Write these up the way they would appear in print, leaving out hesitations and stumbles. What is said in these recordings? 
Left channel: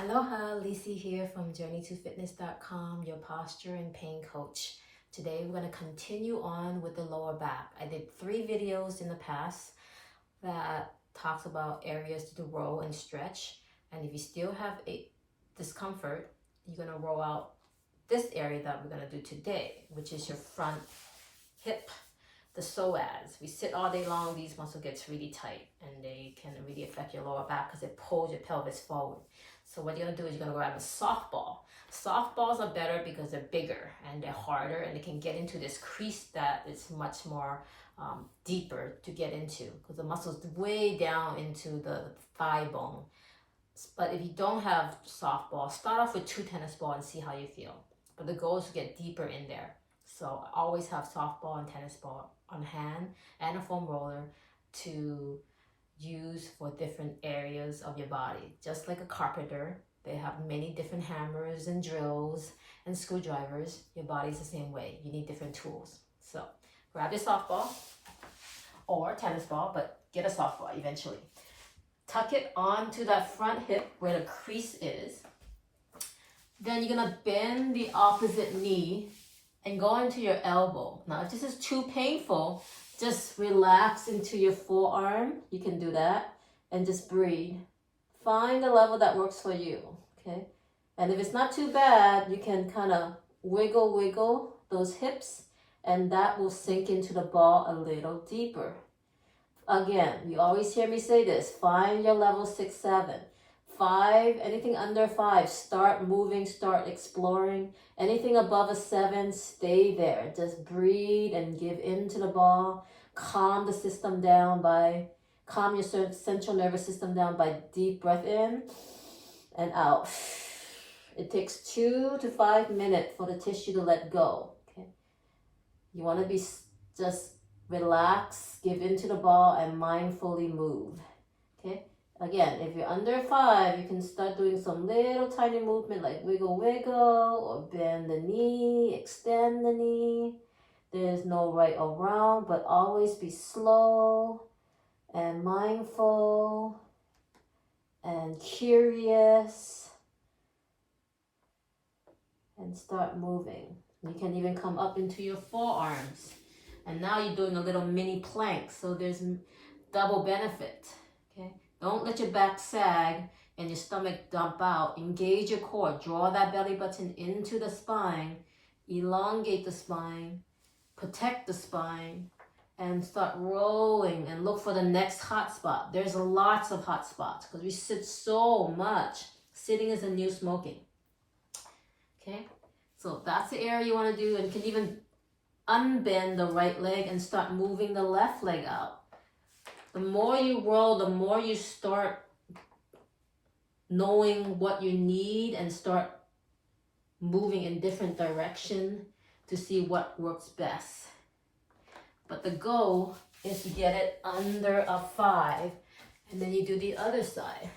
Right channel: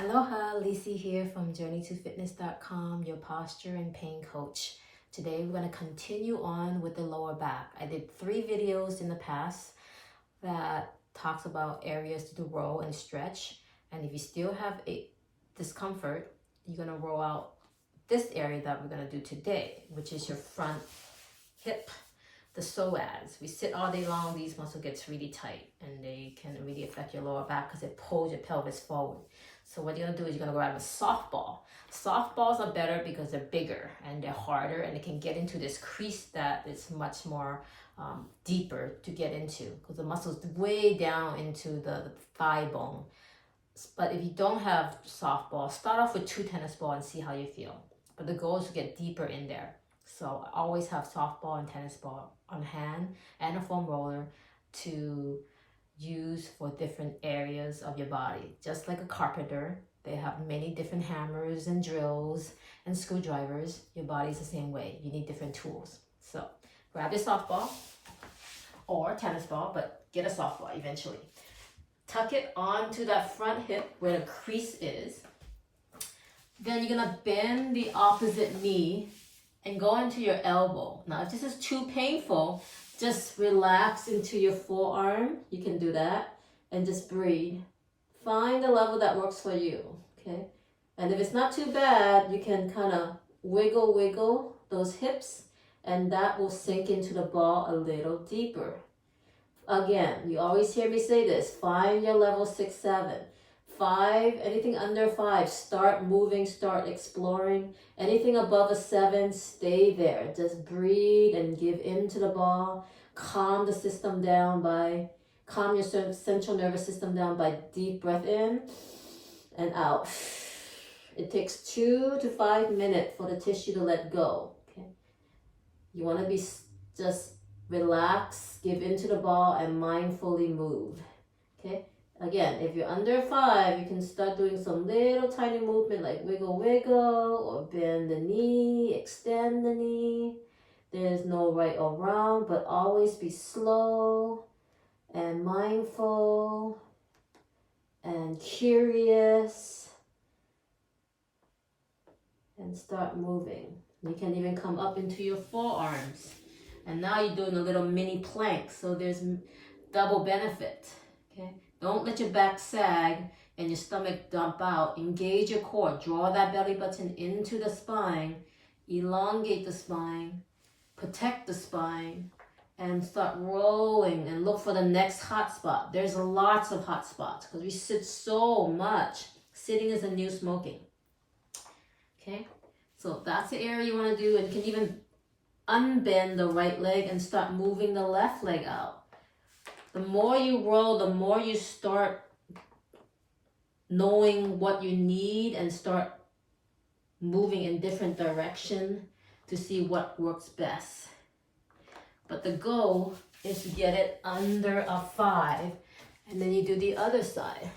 Aloha, Lisi here from journeytofitness.com, your posture and pain coach. Today we're going to continue on with the lower back. I did 3 videos in the past that talks about areas to roll and stretch. And if you still have a discomfort, you're going to roll out this area that we're going to do today, which is your front hip, the psoas. We sit all day long, these muscles gets really tight and they can really affect your lower back because it pulls your pelvis forward. So what you're gonna do is you're gonna grab a softball. Softballs are better because they're bigger and they're harder and they can get into this crease that is much more deeper to get into because the muscle's way down into the thigh bone. But if you don't have softball, start off with 2 tennis balls and see how you feel. But the goal is to get deeper in there. So I always have softball and tennis ball on hand and a foam roller to use for different areas of your body. Just like a carpenter, they have many different hammers and drills and screwdrivers. Your body's the same way. You need different tools. So grab your softball or tennis ball, but get a softball eventually. Tuck it onto that front hip where the crease is. Then you're gonna bend the opposite knee and go into your elbow. Now, if this is too painful, just relax into your forearm. You can do that and just breathe. Find the level that works for you, okay? And if it's not too bad, you can kind of wiggle those hips and that will sink into the ball a little deeper. Again, you always hear me say this, find your level 6, 7. 5, anything under 5, start moving, start exploring. Anything above a 7, stay there. Just breathe and give into the ball. Calm the system down calm your central nervous system down by deep breath in and out. It takes 2 to 5 minutes for the tissue to let go, okay? You want to be just relax, give into the ball and mindfully move, okay? Again, if you're under 5, you can start doing some little tiny movement like wiggle or bend the knee, extend the knee. There's no right or wrong, but always be slow and mindful and curious and start moving. You can even come up into your forearms. And now you're doing a little mini plank, so there's double benefit, okay? Don't let your back sag and your stomach dump out. Engage your core. Draw that belly button into the spine. Elongate the spine. Protect the spine. And start rolling and look for the next hot spot. There's lots of hot spots because we sit so much. Sitting is the new smoking. Okay? So that's the area you want to do. And you can even unbend the right leg and start moving the left leg out. The more you roll, the more you start knowing what you need and start moving in different direction to see what works best. But the goal is to get it under a 5, and then you do the other side.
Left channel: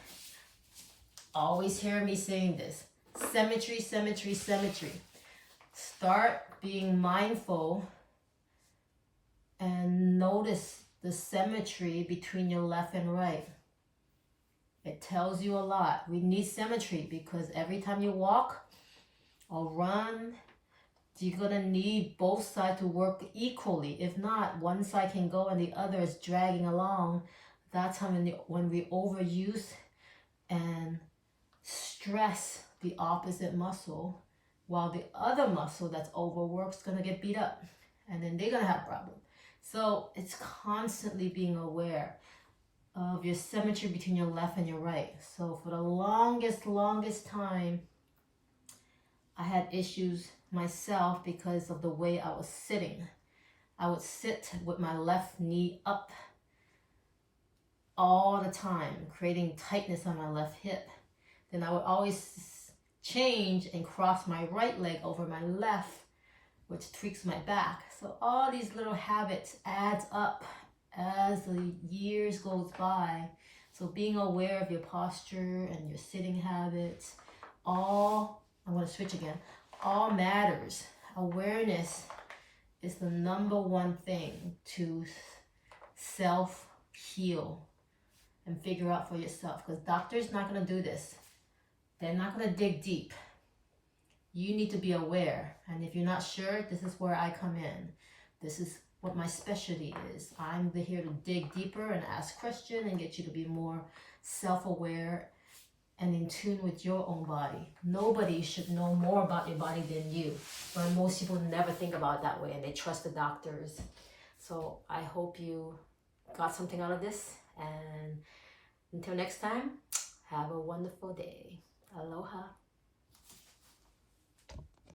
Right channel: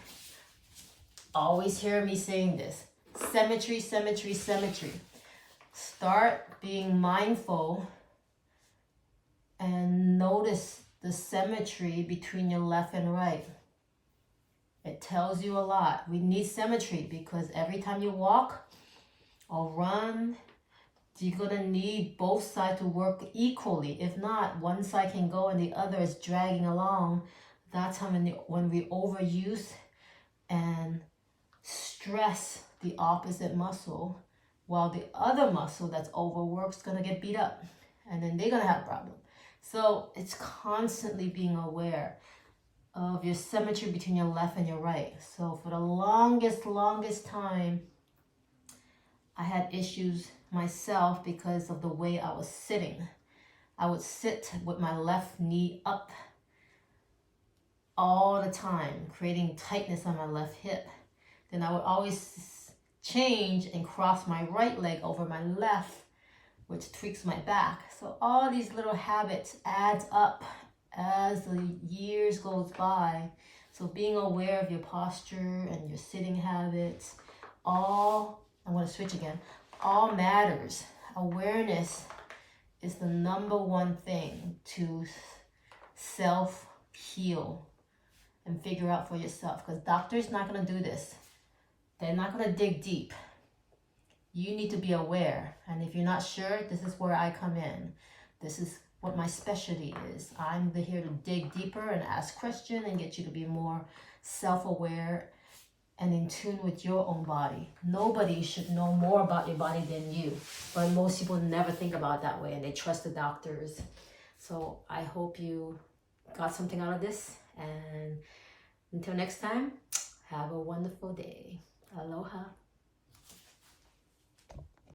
Always hear me saying this. Symmetry, symmetry, symmetry. Start being mindful and notice the symmetry between your left and right. It tells you a lot. We need symmetry because every time you walk or run, you're going to need both sides to work equally. If not, one side can go and the other is dragging along. That's when we overuse and stress the opposite muscle, while the other muscle that's overworked is going to get beat up. And then they're going to have a problem. So it's constantly being aware of your symmetry between your left and your right. So for the longest time, I had issues myself because of the way I was sitting. I would sit with my left knee up all the time, creating tightness on my left hip. Then I would always change and cross my right leg over my left, which tweaks my back. So all these little habits adds up as the years goes by. So being aware of your posture and your sitting habits, I'm going to switch again, all matters. Awareness is the number one thing to self-heal and figure out for yourself, because doctors not going to do this. They're not going to dig deep. You need to be aware. And if you're not sure, this is where I come in. This is what my specialty is. I'm here to dig deeper and ask questions and get you to be more self-aware and in tune with your own body. Nobody should know more about your body than you. But most people never think about it that way, and they trust the doctors. So I hope you got something out of this. And until next time, have a wonderful day. Aloha.